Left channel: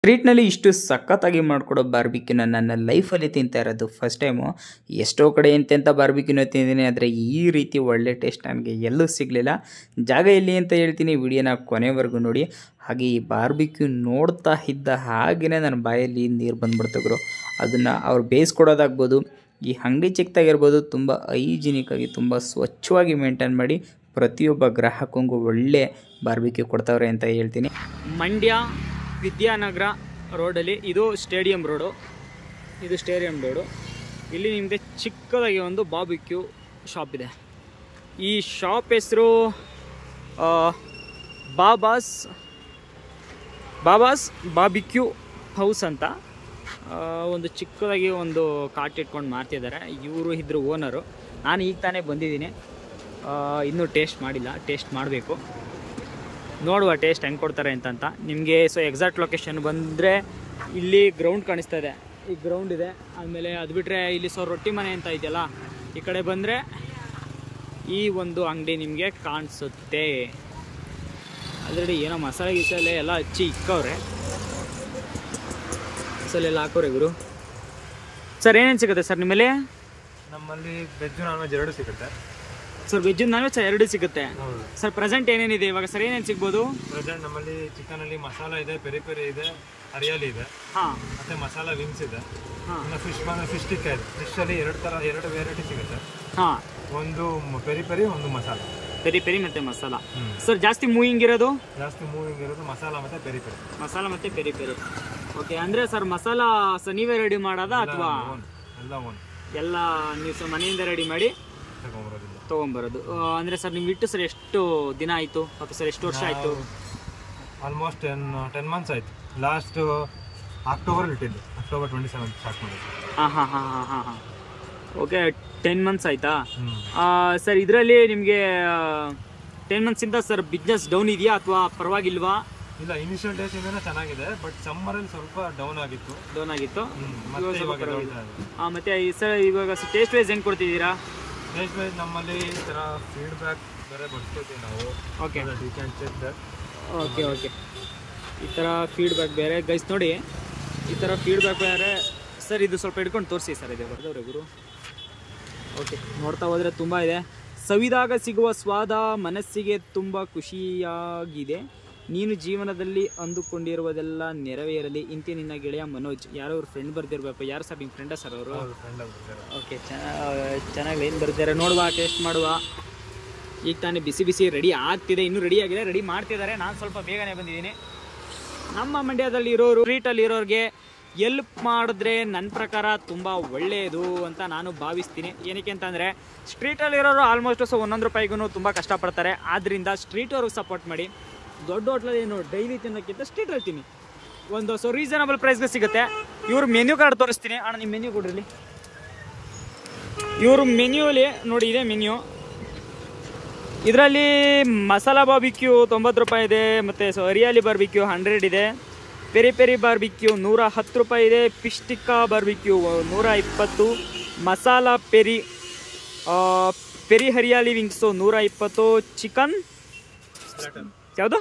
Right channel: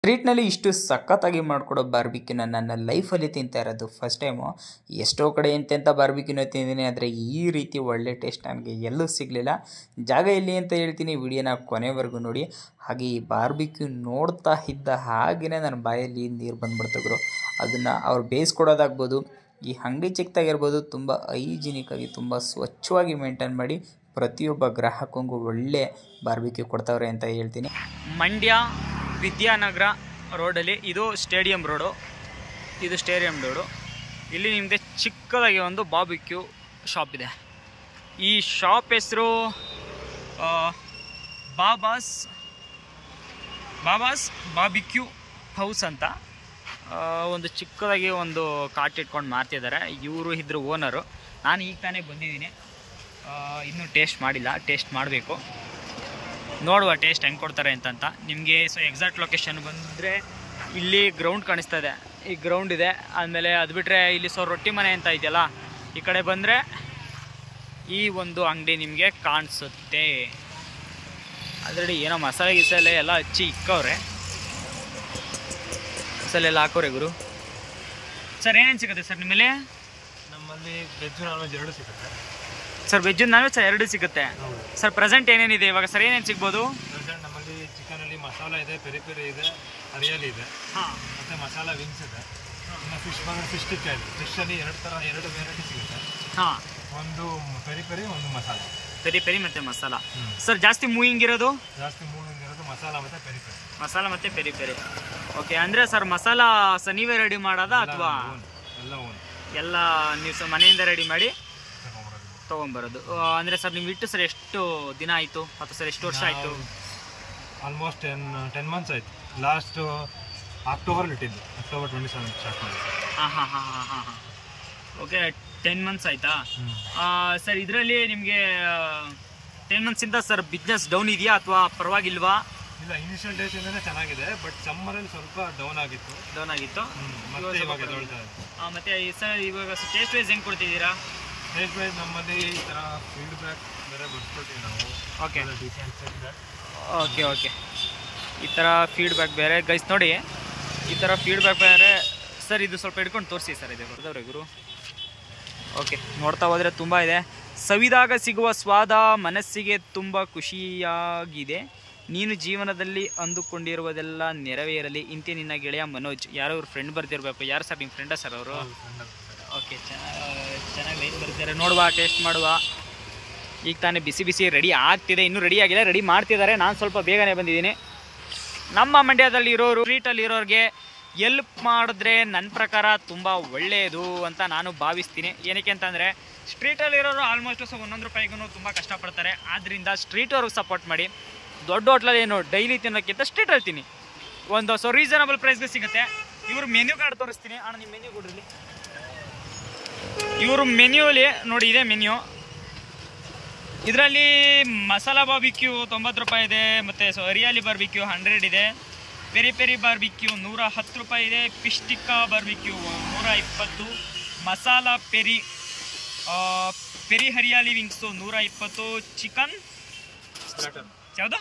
ಸ್ಟ್ರೀಟ್ನಲ್ಲಿ ಇಷ್ಟು ಸಖತ್ತಾಗಿ ಮಾಡಿಕೊಡೋ ಬಾರ್ಬಿಕ್ಯೂನ ನನ್ನ ಲೈಫಲ್ಲಿ ತಿಂತಾ ಇರೋದು ಫಸ್ಟ್ ಟೈಮು. ಎಷ್ಟೋ ಕಡೆ ಎಂತೆಂಥ ಬಾರ್ಬಿಕ್ಯೂನ ತಿಂದಿದ್ದೀನಿ, ಆದರೆ ಈ ರೀತಿ ಒಳ್ಳೆ ಟೇಸ್ಟ್ ನನಗೆ ಎಲ್ಲೂ ಸಿಗಲಿಲ್ಲ. ಜಾಗ ಎಲ್ಲಿ ಅಂತ ಹೇಳ್ತೀನಿ, ವಿಡಿಯೋನ ಕೊನೆವರೆಗೂ ನೋಡಿ. ಹಾಗೆ ಈ ಬಾರ್ಬಿಕ್ಯೂ ನೋಡ್ತಾ ಇದ್ದ ಹಾಗೆಯೇ ನನ್ನ ಬಾಯಲ್ಲಿ ನೀರು ಬಂದ್ಬಿಡ್ತಗ್ರು. ಅದನ್ನು ಅವ್ರು ಬೇಯಿಸ್ಕೊಡೋದಾಗ್ಬೋದು, ಈ ಅಂಗಡಿ ಚಿಕ್ಕದಾಗಿರ್ಬೋದು, ತುಂಬ ಹೈಜಿನಿಕ್ಕಾಗಿ ತುಂಬ ಸ್ವಚ್ಛವಾಗಿ ಮೇಂಟೈನ್ ಮಾಡಿ ಪ್ರತಿಯೊಬ್ಬ ಗ್ರಾಹಕಂಗೂ ಒಳ್ಳೆ ಬಾರ್ಬಿಕ್ಯೂ ಕೊಡ್ತಾವ್ರೆ ಅಂತ ಹೇಳ್ತೀನಿ. ಮಂಡ್ಯ ವಿದ್ಯಾನಗರ ರೋಡಲ್ಲಿ ಇದು ಸ್ಟೇಡಿಯಂ ರೋಡು. ಇಲ್ಲಿ ನಿಮಗೆ ಚಿಕ್ಕದಾಗಿ ಒಂದು ಬಾರ್ಬಿಕ್ಯೂ ಶಾಪ್ ಇದೆ. ಈ ಶಾಪ್ ಹೆಸರು ಬಾಬಾಸ್ ಬಾರ್ಬಿಕ್ಯೂ ಹೌಸ್ ಅಂತ. ಒಂದು ಚಿಕ್ಕದಾಗಿ ಒಂದು ಕಾಟ್ ಇಟ್ಕೊಂಡು ಮಾಡ್ತಿದ್ದಾರೆ. ಇವರು ಇದ್ರ ಓನರು. ನಾನು ಈಗ ತಾನೇ ಬಂದಿದ್ದೀನಿ, ಇನ್ನೂ ಟೇಸ್ಟ್ ಮಾಡಿಲ್ಲ, ಟೇಸ್ಟ್ ಮಾಡಬೇಕು. ನೋಡುವ ಟೇಸ್ಟ್ ಹೆಂಗೆ ಕೊಡ್ತಾರೆ ಅಂತ. ನಿಮಗೆ ಎಕ್ಸಾಕ್ಟ್ ಲೊಕೇಶನ್ ಬಂದರೆ ಇಲ್ಲಿ ಗ್ರೌಂಡ್ ಕಾಣಿಸ್ತಾ ಇದೆ, ಈ ಗ್ರೌಂಡ್ ಇದೆ. ಆದಮೇಲೆ ಅದು ಬಿಟ್ಟರೆ ಇಲ್ಲಿ ರೊಟ್ಟಿ ಮನೆ ಅಂತ ಇದೆಯಲ್ಲ, ಈ ಕಡೆ ಬಂದರೆ ಈ ಒಂದು ಅಂಗಡಿ ನಿಮಗೆ ಕಾಣಿಸುತ್ತೆ. ಆಲ್ರೆಡಿ ಏನೋ ಮಸಾಲೆ ಎಲ್ಲ ಹಚ್ಚಿ ಇಕ್ಕವ್ರೆ, ಮಸಾಲೆ ಎಲ್ಲ ಹಾಕೋರೆ ಗುರು. ಸರ್ ಏನೇನು ಸಿಗುತ್ತೆ ಸರ್ ನಿಮ್ಮಲ್ಲಿ? ನಮ್ಮಲ್ಲಿ ವೆಜ್ ನಾನ್ ವೆಜ್ ಎರಡು ಸಿಗುತ್ತೆ ಸರ್. ವೆಜ್ ನಾನ್ ವೆಜ್ ಎರಡು ಸಿಗುತ್ತೆ ಸರ್. ಪ್ರೆಸೆಂಟ್ ಏನೇನಿದೆ ಇವಾಗ ಸರ್? ಏನೇನು ಸಿಗ್ಬೋದು? ಪ್ರೆಸೆಂಟ್ ನಮ್ಮಲ್ಲಿ ಚಿಕನ್ ಅಲ್ಲಿ ಮಸಾಲ ಇದೆ, ಪೆರಿ ಪೆರಿ ಇದೆ, ಹರಿಯಾಲಿ ಇದೆ, ಮತ್ತೆ ಮಸಾಲ ವಿಂಗ್ಸ್ ಇದೆ. ಇನ್ನು ಫಿಶ್ ಫಿಶ್ ಟಿಕ್ಕ ಇದೆ. ಫಿಶ್ ಅಲ್ಲಿ ಎರಡು ವೆರೈಟಿ ಸಿಗುತ್ತೆ. ಒಂದು ಪೆರಿ ಪೆರಿ, ಒಂದು ಮಸಾಲ. ಪೆರಿ ಮತ್ತೆ ಮಸಾಲ. ಸರ್ ಜಾಸ್ತಿ ಮೂವಿಂಗ್ ಇರೋದು ಮಸಾಲ ಮತ್ತೆ ಪೆರಿ ಪೆರಿ. ಓಕೆ, ಅಂದ್ರೆ ಸರ್ ಮಸಾಲ ನೀವೇ ರೆಡಿ ಮಾಡೋದಾ ಅಥವಾ ಎಲ್ಲ ನೀವು ಮನೆಯಿಂದ ರೆಡಿ ಮಾಡಿ ತೊಗೊಂಬರೋದು? ಅಂದರೆ ಸರ್ ನೀವು ಇಟ್ಟು ಸರ್ ಎಷ್ಟು ದಿನ ಆಯಿತು ಅಥವಾ ಸರ್ ಎಷ್ಟು ವರ್ಷ ಆಯಿತು? ಆಲ್ಮೋಸ್ಟ್ 10 ಮಂತ್ಸ್ ಆಯಿತು. ಲಾಸ್ಟ್ ಅಕ್ಟೋಬರ್ ಇಟ್ಟಿದ್ದೆ, ಅಕ್ಟೋಬರ್ 27 ಸ್ಟಾರ್ಟ್ ಮಾಡಿದ್ದೆ. ಹಾಂ. ಓಕೆ, 10 ಮಂತ್ಸ್ ಆಯಿತಾ ಸರ್? ಇದರಲ್ಲಿ ನಿಮಗೆ 10 ಮಂತ್ಸಿಂದ ಸರ್ ಬಿಸ್ನೆಸ್ ಡೌನ್ ಇದೆಯಾ ಅಥವಾ ಪರವಾಗಿಲ್ವಾ? ಇಲ್ಲ, ಇನಿಷಿಯಲ್ ಡೇಸ್ ಇಂದನೇ ಚೆನ್ನಾಗಿದೆ, ಬಟ್ ಸಮ್ಮರಲ್ಲಿ ಸ್ವಲ್ಪ ಡೌನ್ ಆಗಿತ್ತು. ಮತ್ತೆ ಸರ್ ಇವಾಗ ಟೇಸ್ಟ್ ವೈಸ್ ಹೆಂಗೆ ಕೊಡ್ತಿದ್ದೀರಾ? ಟೇಸ್ಟ್ ವೈಸ್ ನಮ್ಮಲ್ಲಿ ಈ ಥರ ಫೀಡ್ಬ್ಯಾಕ್ ಬೇರೆ ಬರ್ಸ್ಕೊತೀವಿ ನಾವು. Okay, you can check that. Okay, ಈ ಥರ ಫೀಡ್ಬ್ಯಾಕ್ ಬೇರೆ ಗೈಸ್ ನೋಡಿ, ಈ ಥರ ಫೀಡ್ಬ್ಯಾಕ್ ಬೇರೆ ಸರ್. ಇದು ಸ್ವಲ್ಪ ಹಿಡ್ಕೊಂಡು ತೋರಿಸಿ ಸರ್, ಇದೆ ಬರ್ದವ್ರೆ ಗುರು. ಓಕೆ, ನೋಡ್ತಾ ಹೋದರೆ ತುಂಬ ಇದೆ. ಸವಿದಾಗ ಸಿಗುವ ಸ್ವಾದ ಮನಸ್ಸಿಗೆ ತುಂಬ ಖುಷಿಯಾಗಿದೆ. ನೀನು ಜೀವನದಲ್ಲಿ ಅಂದುಕೊಂಡಿರುವುದೆಲ್ಲ ನೆರವೇರಲಿ. ಇಂತಿ ನಿನ್ನ ಗೆಳೆಯ ಮನೋಜ್. ಯಾರೋ ಅವ್ರ ಫ್ರೆಂಡ್ ಬರ್ತಿರ್ಬೇಕು. ಯಾರು ಸರ್ ನಿಮ್ಮ ಫ್ರೆಂಡಾ ಸರ್ ಅವರು? ಓಕೆ, ಚೆನ್ನಾಗಿ ಲೈನ್ ಬರ್ತಿದ್ದಾರೆ. ನೋಡುವ, ಟೇಸ್ಟ್ ಮಾಡುವ. ಈಗ ತಾನೇ ಬಿಸಿ ರೆಡಿ ಆಗ್ತಿದೆ, ಇನ್ನೂ ರೆಡಿ ಆಗಿದೆ, ರೆಡಿ ಮಾಡ್ತಿದ್ದಾರೆ. ನಾನು ಸ್ವಲ್ಪ ಬೇಗನೆ ಬಂದಿದ್ದೀನಿ. ನಮ್ಮ ಮಂಡ್ಯದಲ್ಲಿ ಇರೋರು, ಸ್ಟ್ರೀಟಲ್ಲಿ ಇರೋರಿಗೆ ಎಲ್ಪ್ ಮಾಡಿದ್ರೆ ನನ್ನ ಪ್ರಕಾರ ತುಂಬ ಒಳ್ಳೆಯದು ಅಂತ ನಾನು ಭಾವಿಸ್ತೀನಿ. ಏನಕ್ಕೆ ಅಂತಂದರೆ ಸ್ಟ್ರೀಟಲ್ಲಿರೋರು ಆಲ್ಮೋಸ್ಟ್ ಒಂದೊಂದು ರೂಪಾಯಿಗೂ ತುಂಬ ಕಷ್ಟಪಡ್ತಾರೆ. ಆದ್ದರಿಂದ ಸ್ಟ್ರೀಟ್ ಅವ್ರಿಗೆ ಸಪೋರ್ಟ್ ಮಾಡಿ. ದೊಡ್ಡ ಹೋಟ್ಲಲ್ಲಿ ಏನು ಡೈಲಿ ತಿನ್ನೋಕ್ಕಿಂತ ಸ್ಟ್ರೀಟಲ್ಲಿ ತಿನ್ನಿ, ಒಂದು ರೀಸನಬಲ್ ಪ್ರೈಸ್ಗೆ ಸಿಗುತ್ತೆ. ಇವ್ರ ಮೆನ್ಯೂ ಕಾರ್ಡ್ ತೋರಿಸ್ತೀನಿ ಅಣ್ಣ, ನಿಮ್ಮ ಮೆನ್ಯೂ ಕೊಡ್ರಿ. ಇವರು ಮೆನ್ಯೂಲಿ ನೋಡಿ, ಇದೆ ಮೆನ್ಯೂ. ಇದರಲ್ಲಿ ಮಸಾಲಾ ಬಾರ್ಬಿಕ್ಯೂ 90 ರೂಪಾಯಿ ಇದೆ, ಮತ್ತು ಹರಿಯಾಲಿ ಬಾರ್ಬಿಕ್ಯೂ 100 ಇದೆ, ಪೆರಿ ಪೆರಿ ಬಾರ್ಬಿಕ್ಯೂ 110 ರೂಪಾಯಿ ಇದೆ, fish tikka barbecue 120, masala peri hariyali wings 120, chicken ಯಾವುದು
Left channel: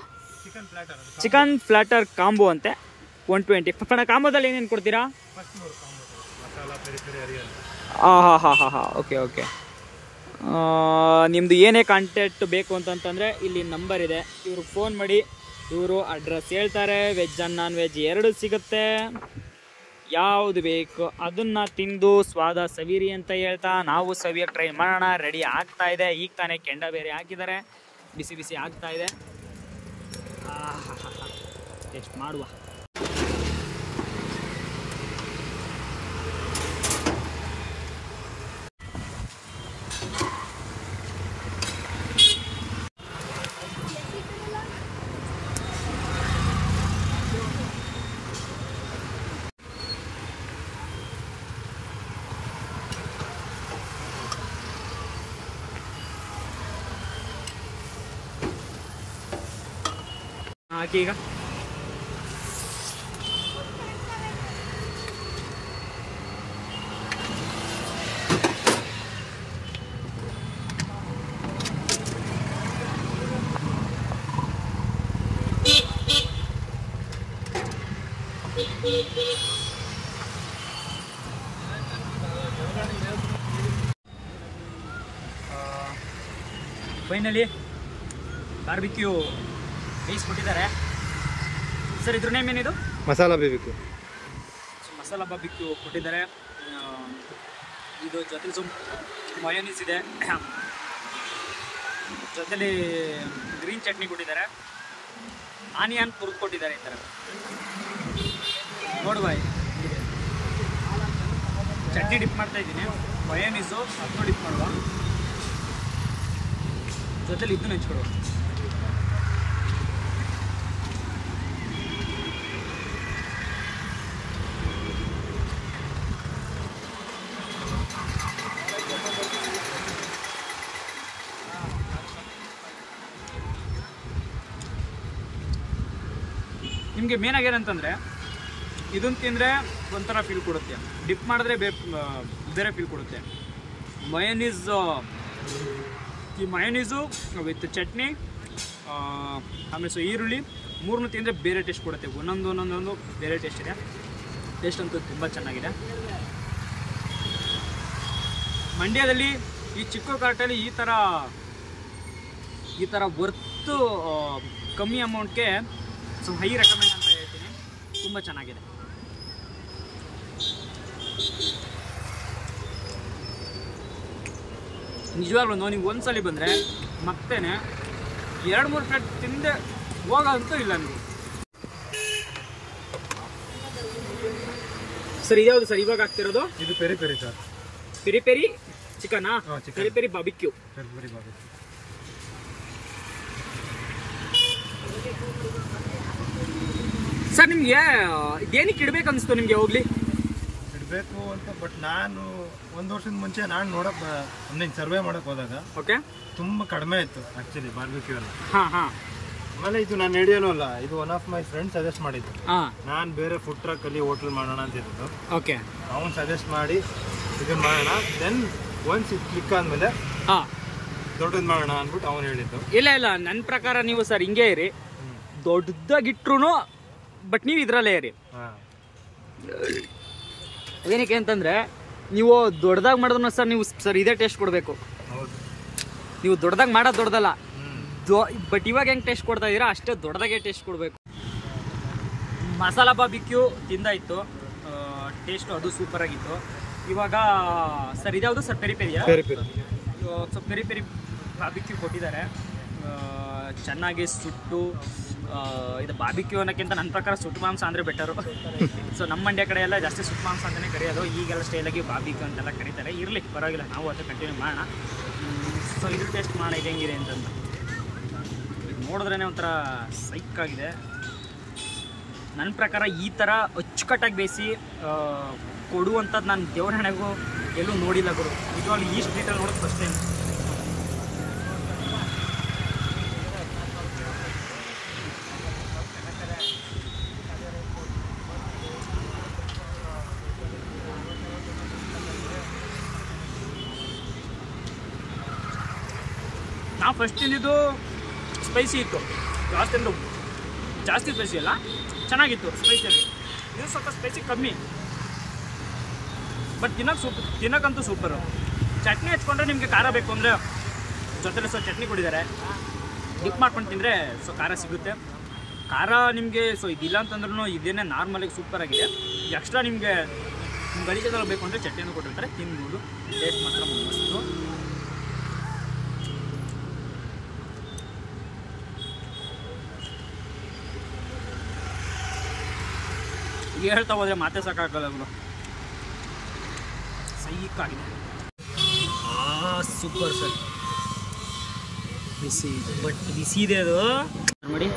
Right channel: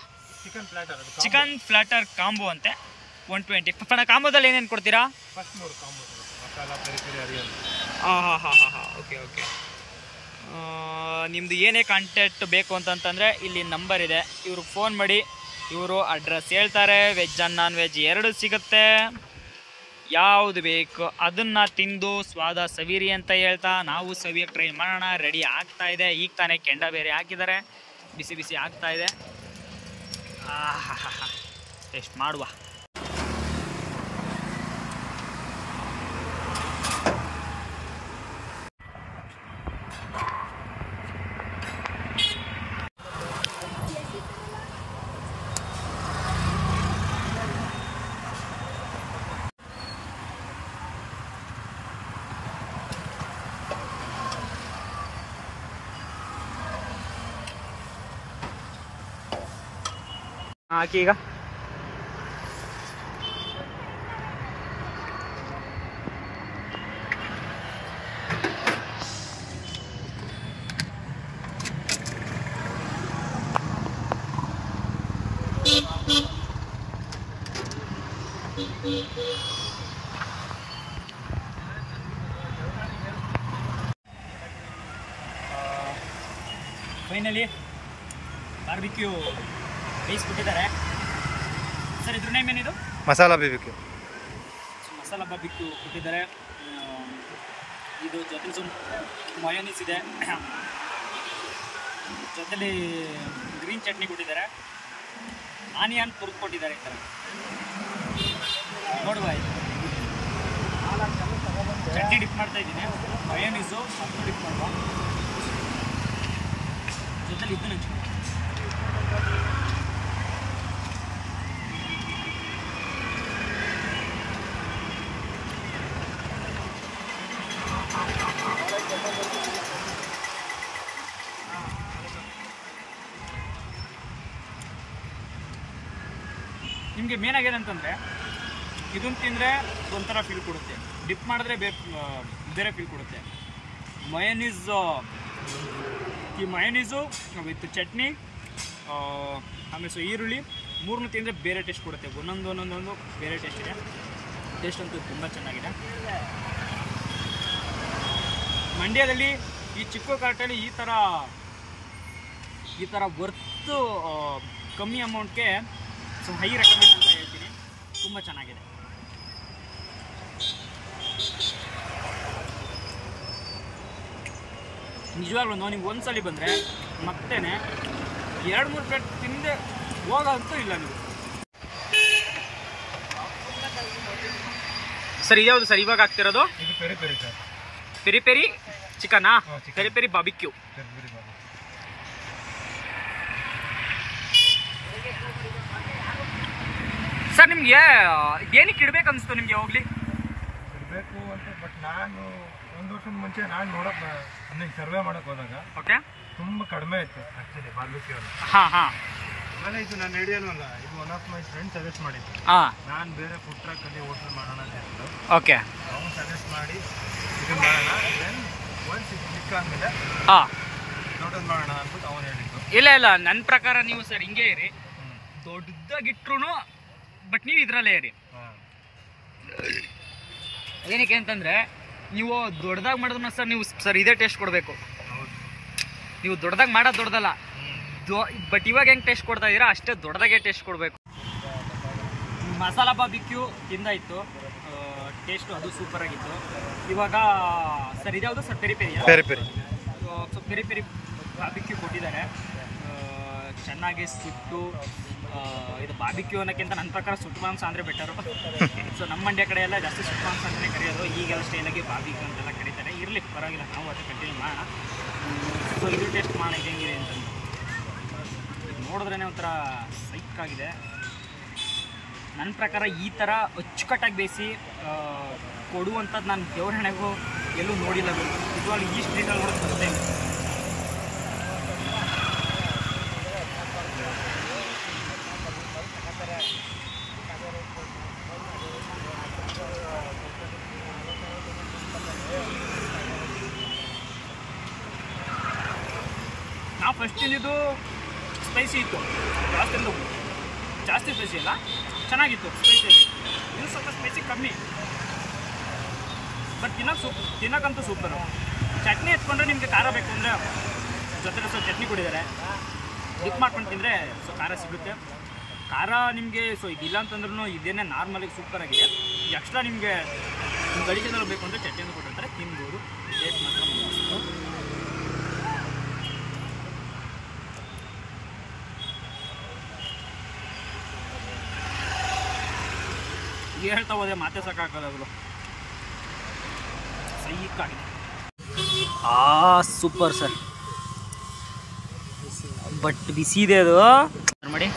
ಚಿಕನ್ ಪ್ಲಾಟರ್ ಕಾಂಬೋ ಅಂತೆ 120. ಪಣ ಕಾಂಬೋದಲ್ಲಿ ಏನೇನು ಕೊಡ್ತೀರಾ? ಓಕೆ. ನಿಮ್ಮದು ಏನೇ ಕಾಂಟ್ಯಾಕ್ಟ್ ಬೇಕು ಅಂತಂತಂದರೆ ಇಲ್ಲಿ ನಂಬರ್ ಇದೆ, ಇವ್ರಿಗೆ ಫೋನ್ ಮಾಡಿ. ಇವರು ಅಡ್ರೆಸ್ ಹೇಳ್ತಾರೆ. ವೆಜ್ ಆ್ಯಂಡ್ ನಾನ್ ವೆಜ್ ಎರಡು ಸಿಗುತ್ತೆ. ಯಾವುದು ಬೇಕು ಅದನ್ನು ತಿಂದು ಸ್ವಾದ ಸವಿರಿ ಅಂತ ಹೇಳ್ತಾ ನಾವು ಸವಿಯಕ್ಕೆ ಟ್ರೈ ಮಾಡೋಣ. ರೆಡಿ ಆಗ್ತಾ ಇದೆ. ಈಗ ತಾನೇ ಕೆಂಡ ಬೇರೆ ಹಾಕಿದ್ದಾರೆ, ಬಿಸಿ ಆಗ್ತಾ ಇದೆ. ಟೇಸ್ಟ್ ಮಾಡುವ. ಹಾಕಿ ಈಗ. ಫೈನಲಿ ಬಾರ್ಬಿಕ್ಯೂ ರೈಸ್ ಕೊಟ್ಟಿದ್ದಾರೆ ಸರ್. ಇದ್ರ ನೇಮ್ ಏನಿದು? Masala barbecue. So masala barbecue ಕೊಟ್ಟಿದ್ದಾರೆ. ಇದು ಜೊತೆಲಿ ಮಯೋನೀಸ್ ಇದೆ, ಜೊತೆಲಿ ಗ್ರೀನ್ ಚಟ್ನಿ ಕೊಟ್ಟಿದ್ದಾರೆ, ಆನಿಯನ್ ತುರ್ದು ಕೊಟ್ಟಿದ್ದಾರೆ. ಈ ಥರ ನೋಡುವ, ಚಟ್ನಿ ಡಿಪ್ ಮಾಡ್ತಾ ಇದ್ದೀನಿ, ಮಯೋನೀಸು ಅದನ್ನು ಡಿಪ್ ಮಾಡುವ, ಜೊತೆಲಿ ಇದನ್ನು ನೆಂಚ್ಕೊಡುವ. ನಿಮಗೆ ಮೇನಾಗಿ ಏನಂತಂದರೆ ಇದನ್ನು ತಿಂದರೆ ಒಂಥರ ಫೀಲ್ ಕೊಡುತ್ತೆ, ಡಿಪ್ ಮಾಡಿದ್ರೆ ಬೇರೆ ಫೀಲ್ ಕೊಡುತ್ತೆ. ಈ ಮಯೋನೀಸು ವಿತ್ ಚಟ್ನಿ ಆಮೇಲೆ ಈರುಳ್ಳಿ ಮೂರನ್ನು ತಿಂದರೆ ಬೇರೆ ಟೇಸ್ಟ್ ಕೊಡುತ್ತೆ. ಒಂದೊಂದು ಬೇರೆ ಟೇಸ್ಟ್ ಇದೆ. ಟೇಸ್ಟ್ ಅಂತೂ ತುಂಬ ಚೆನ್ನಾಗಿದೆ. ಮಂಡ್ಯದಲ್ಲಿ ಈ ಚಿಕ್ಕ ಕಾರ್ಟಲ್ಲಿ ಈ ಥರ ವರ್ತು ಕಮ್ಮಿ ಅಮೌಂಟ್ಗೆ ಸೊ ಹೈ ರೆಕಮೆಂಡ್ ಅಂತ ಹೇಳ್ತೀನಿ. ತುಂಬ ಚೆನ್ನಾಗಿದೆ. ನಿಜವಾಗ್ಲೂ ನೀವು ಒಂದ್ಸಲಿ ಬಂದರೆ ಮತ್ತೇನೆ 2-3 ಪ್ಲೇಟ್ ತಿಂದೆ ಹೋಗೋಂತೂ ಇಲ್ಲ ನೀವು. ಸರ್ ಇದ್ಯಾವುದು ಸರ್ ಇವಾಗ ಆಗ್ತಿರೋದು? ಇದು peri peri sir. Peri peri ಚಿಕನಾ? Peri peri barbecue. ಸರ್ ನಿಮ್ಗೆ ಏನಕ್ಕೆ ಇಡ್ಬೇಕು ಅನಿಸ್ತು ನಿಮಗೆ? ಹೋಗ್ಲಿ ಇಡಬೇಕು ಅಂತ, ಬಟ್ ನಾನು 1 ವರ್ಷದ ಮುಂಚೆ ನಾನು ನೋಡಕ್ಕೆ ಒಂದು ಸರ್ವೆ ಮಾಡೋಕೆ ಹೋದಾಗ ಓಕೆ ತುಂಬ ಕಡಿಮೆ ಇತ್ತು ಆ್ಯಕ್ಚುಲಿ ಬಾರ್ಬಿಕ್ಯೂ ಎಲ್ಲ. ಆಮೇಲೆ ಇದು ನಾನು ಹಿಡಿಯೋನೂ ಅಲ್ಲ, ಇದು one of my friend suggest ಮಾಡಿದ್ದು. ನಾನು ಬೇರೆ ಫುಡ್ ಟ್ರಕ್ಕಲ್ಲಿ ಹೋಟೆಲ್ ಮಾಡೋಣ ಅಂತ ಹೇಳಿದ್ದು. ಓಕೆ ಅವನು ಸಜೆಸ್ಟ್ ಮಾಡಿ ಇದನ್ನು ಮಾಡೋಣ, ದೆನ್ ಒನ್ಸ್ ಇದು ಕ್ಲಿಕ್ ಆದಮೇಲೆ ದೊಡ್ಡದು ಮಾಡೋಣ ಅಂದ್ಬಿಟ್ಟು ಅವನು ಹೇಳಿದ್ದು. ಇಲ್ಲ ನನ್ನ ಪ್ರಕಾರ ನೀವು ಸರ್ ಹಿಂಗೆ ಇರಿ, ದೊಡ್ಡದಾಗಿಟ್ರು ಬಟ್ ನೀವು ಇದರಲ್ಲೇ ಇರಿ. ಏನಕ್ಕೆ ಅಂತಂದರೆ ನೀವು ದೊಡ್ಡದಾಗಿ ಮಾಡಿದ್ರು ಸರ್ ನೀವು ಸರ್ ಇದೇ ಟೇಸ್ಟ್ ಕೊಡಬೇಕು. ನೀವು ದೊಡ್ಡದಾಗಿ ಮಾಡೋದು ದೊಡ್ಡದಲ್ಲ, ಬಟ್ ಇವಾಗ ಹೆಂಗೆ ಟೇಸ್ಟ್ ಕೊಡ್ತಾ ಇದ್ದೀರಾ ಅಷ್ಟೇ ದೊಡ್ಡದಾಗೆ ಟೇಸ್ಟ್ ಕೊಡಬೇಕು. ಮಸಾಲಾ ಬಾರ್ಬಿಕ್ಯೂ ತಿಂದಾಯಿತು, ಟೇಸ್ಟು ಅದು ಸೂಪರಾಗಿತ್ತು. ಇವಾಗ ಸರ್ ಇದ್ಯಾವುದು ಸರ್? ಪೆರಿ ಪೆರಿಯಾ? Peri peri. So peri peri barbecue ಕೊಟ್ಟಿದ್ದಾರೆ, ಚೆನ್ನಾಗಿ ಸುಟ್ಟು. ಇದು ಬಾರ್ಬಿಕ್ಯೂ ಅನ್ನೋಕ್ಕಿಂತ ನನ್ನ ಪ್ರಕಾರ ಸುಟ್ಟು ಮಾಂಸ ಅಂದರೆ ಬೆಟರು. ಸೊ ನಮ್ಮ ಮಂಡ್ಯ ಕಡೆ ಎಲ್ಲ ಜಾಸ್ತಿ ಸುಟ್ಟು ಮಾಂಸ ಅಂತಲೇ ಕರೆಯೋದು, ಈಗೆಲ್ಲ ಸ್ಟೈಲಾಗಿ ಬಾರ್ಬಿಕ್ಯೂ ಅಂತೆಲ್ಲ ಕರೀತಾರೆ. ಇರಲಿ ಪರವಾಗಿಲ್ಲ, ನಾವು ಅಷ್ಟೇ ಕಂಟಿನ್ಯೂ ಮಾಡೋಣ. ಸೊ ಇದು ಟೇಸ್ಟ್ ಮಾಡೋಣ ಹೆಂಗಿದೆ ಅಂತಂದು. ನೋಡಿದ್ರೇ ಒಂಥರ ಸೈಕಾಗಿದೆ. ನನ್ನ ಪ್ರಕಾರ ಈ ಥರ ಅಚ್ಚುಕಟ್ಟಾಗಿ ಬೇಯಿಸಿ ಕೊಡುವಂಥದ್ದು ನಾನು ದೇವ್ರ ಹಣೆಗೂ ಎಲ್ಲೂ ನೋಡಿಲ್ಲ ಗುರು. ನಿಜವಾಗ್ಲೂ ಈ ಸ್ಟ್ರೀಟಲ್ಲಿ ನೋಡೋದು ಫಸ್ಟ್ ಟೈಮ್. ನಾವು ಫಸ್ಟ್ ತಿಂದಿದ್ದು ಸ್ಪೈಸಿ ಇತ್ತು, ಲಾಸ್ಟ್ ತಿಂದು ಜಾಸ್ತಿ ಸ್ಪೈಸಿ ಅಲ್ಲ, ಚೆನ್ನಾಗಿತ್ತು ಸ್ಪೈಸಿಯಲ್ಲಿ. ಇದು ಸ್ವಲ್ಪ ಸ್ಪೈಸಿ ಕಮ್ಮಿ, ಬಟ್ ತಿನ್ನೋಕ್ಕಂತೂ ಸೂಪರು. ಚಟ್ನಿ ಹಚ್ಕೊಂಡ್ರೆ ನಿಮಗೆ ಖಾರ ಬೇಕು ಅಂದರೆ ಜೊತೆಲಿ ಸ್ವಲ್ಪ ಚಟ್ನಿ ಕೊಟ್ಟಿದ್ದಾರೆ, ಡಿಪ್ ಮಾಡ್ಕೊಂಡು ತಿಂದರೆ ಸೊ ಖಾರ ಸಿಗುತ್ತೆ. ಖಾರ ನಿಮಗೆ ಸೊ ಇದಿಲ್ಲ ಅಂತಂದ್ರೂ ಇದೇನೇ ನಾರ್ಮಲಾಗಿ ಸೂಪರಾಗಿದೆ. ಎಕ್ಸ್ಟ್ರಾ ನಿಮಗೆ ಗಳಿಕೆದಲ್ಲಿ ಬೇಕು ಅಂದರೆ ಚಟ್ನಿಯನ್ನು ಕೊಟ್ಟಿರ್ತಾರೆ, ತಿನ್ಬೋದು. ಟೇಸ್ಟ್ ಮಾತ್ರ ಮಸ್ತು. ಹೇಳ್ತಾ ಹೋದ್ರೆ ಮಾತೆ ಸಾಕಾಗಲ್ಲ ಅವರು, ಸೈಕಾಗಿದೆ. ಸೂಪರ್ ಸರ್, ಬಿಸಿ ಬಟ್ ಬಿಸಿ ಇದೆ ಅದು ನೋಡಿ.